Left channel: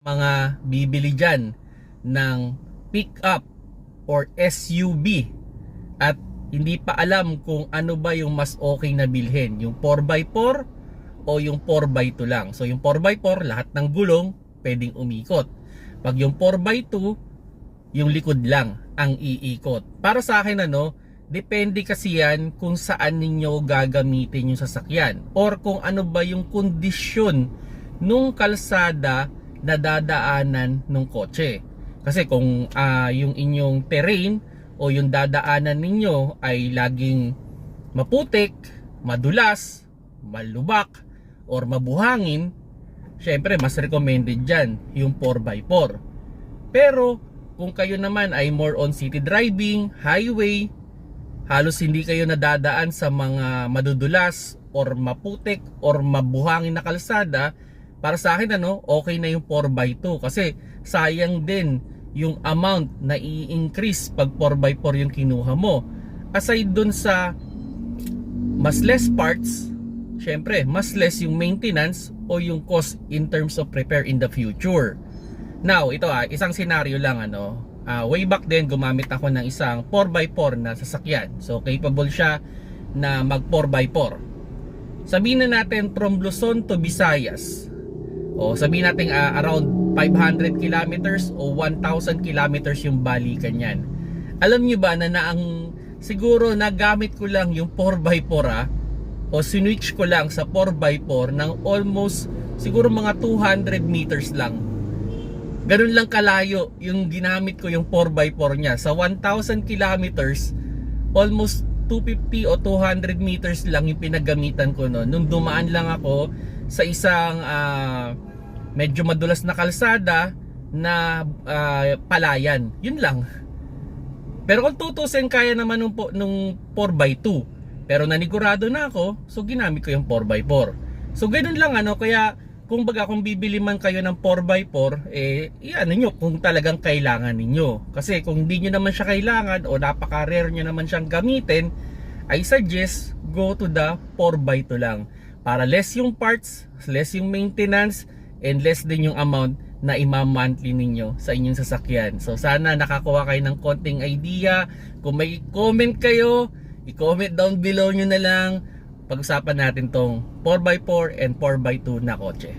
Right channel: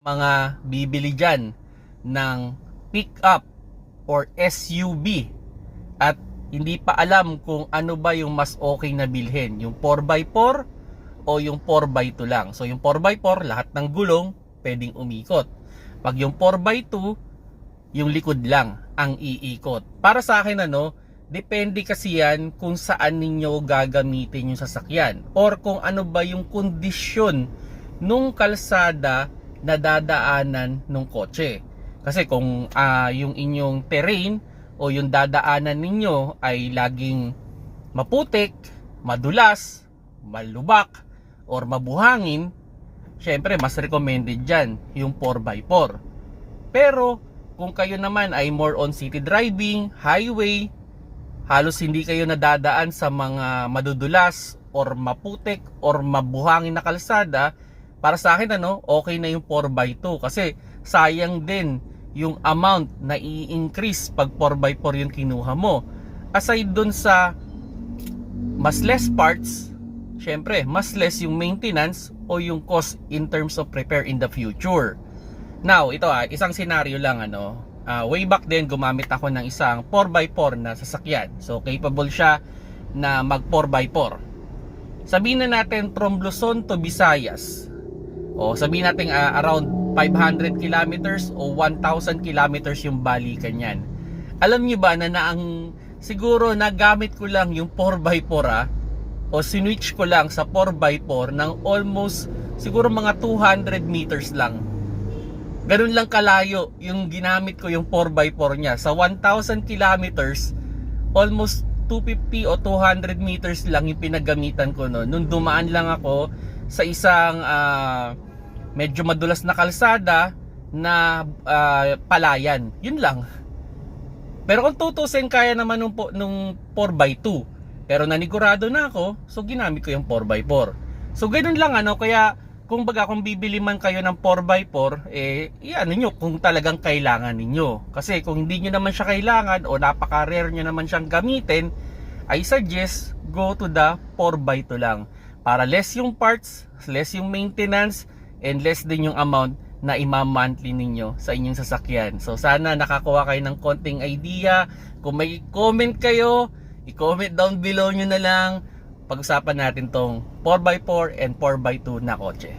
mga bibili dyan ng pick-up or SUV at hindi pa alam kung ano ba yung mas okay na bilhin, yung 4x4 o yung 4x2 lang. So yung 4x4, lahat ng gulong pwedeng umikot. Pag yung 4x2, yung likod lang ang iikot. Para sa akin depende kasi yan kung saan ninyo gagamitin yung sasakyan or kung ano ba yung kondisyon nung kalsada na dadaanan ng kotse. Kasi kung yung inyong terrain o yung dadaanan ninyo ay laging maputik, madulas, malubak, or mabuhangin, syempre mas recommended dyan yung 4x4. Pero kung kayo naman ay more on city driving, highway, halos hindi kayo nadadaan sa mga madudulas or maputik or mabuhangin na kalsada, para sa akin okay na yung 4x2 kasi sayang din yung amount na i-increase pag 4x4 yung kinuha mo. Aside dun sa mas less parts, syempre mas less yung maintenance o yung cost in terms of repair in the future. Now ito isang scenario lang way back then gumamit ako ng isang 4x4 na sasakyan. So capable siya na mag 4x4. Sabihin na natin from Luzon to Visayas. O sabihin natin around 500 kilometers o 1,000 kilometers yung balikan yan. Alam nyo ba na siguro nagamit ko lang yung 4x4 o sinwitch ko lang sa 4x4 ng almost siguro mga 200 meters lang. Ganun lang kalayo yung ginamit ko yung 4x4 niya. Sa 1,000 kilometers, almost 250 o 200 meters lang yung pinagamitan ko noon. Nung dumaan lang ako sa isang medyo madulas na kalsada na palayan. Yun lang. Pero kung tutusin, kaya naman nung 4x2. Pero nanigurado na ako, so ginamit ko yung 4x4. So ganun lang kaya kung bibili man kayo ng 4x4, iyan niyo kung talagang kailangan ninyo. Kasi kung hindi niyo naman siya kailangan o napaka-rare niyo naman siyang gamitin, I suggest go to the 4x2 lang. Para less yung parts, less yung maintenance, and less din yung amount na ima-monthly ninyo sa inyong sasakyan. So sana nakakuha kayo ng konting idea. Kung may comment kayo, i-comment down below nyo na lang. Pag-usapan natin tong 4x4 and 4x2 na kotse.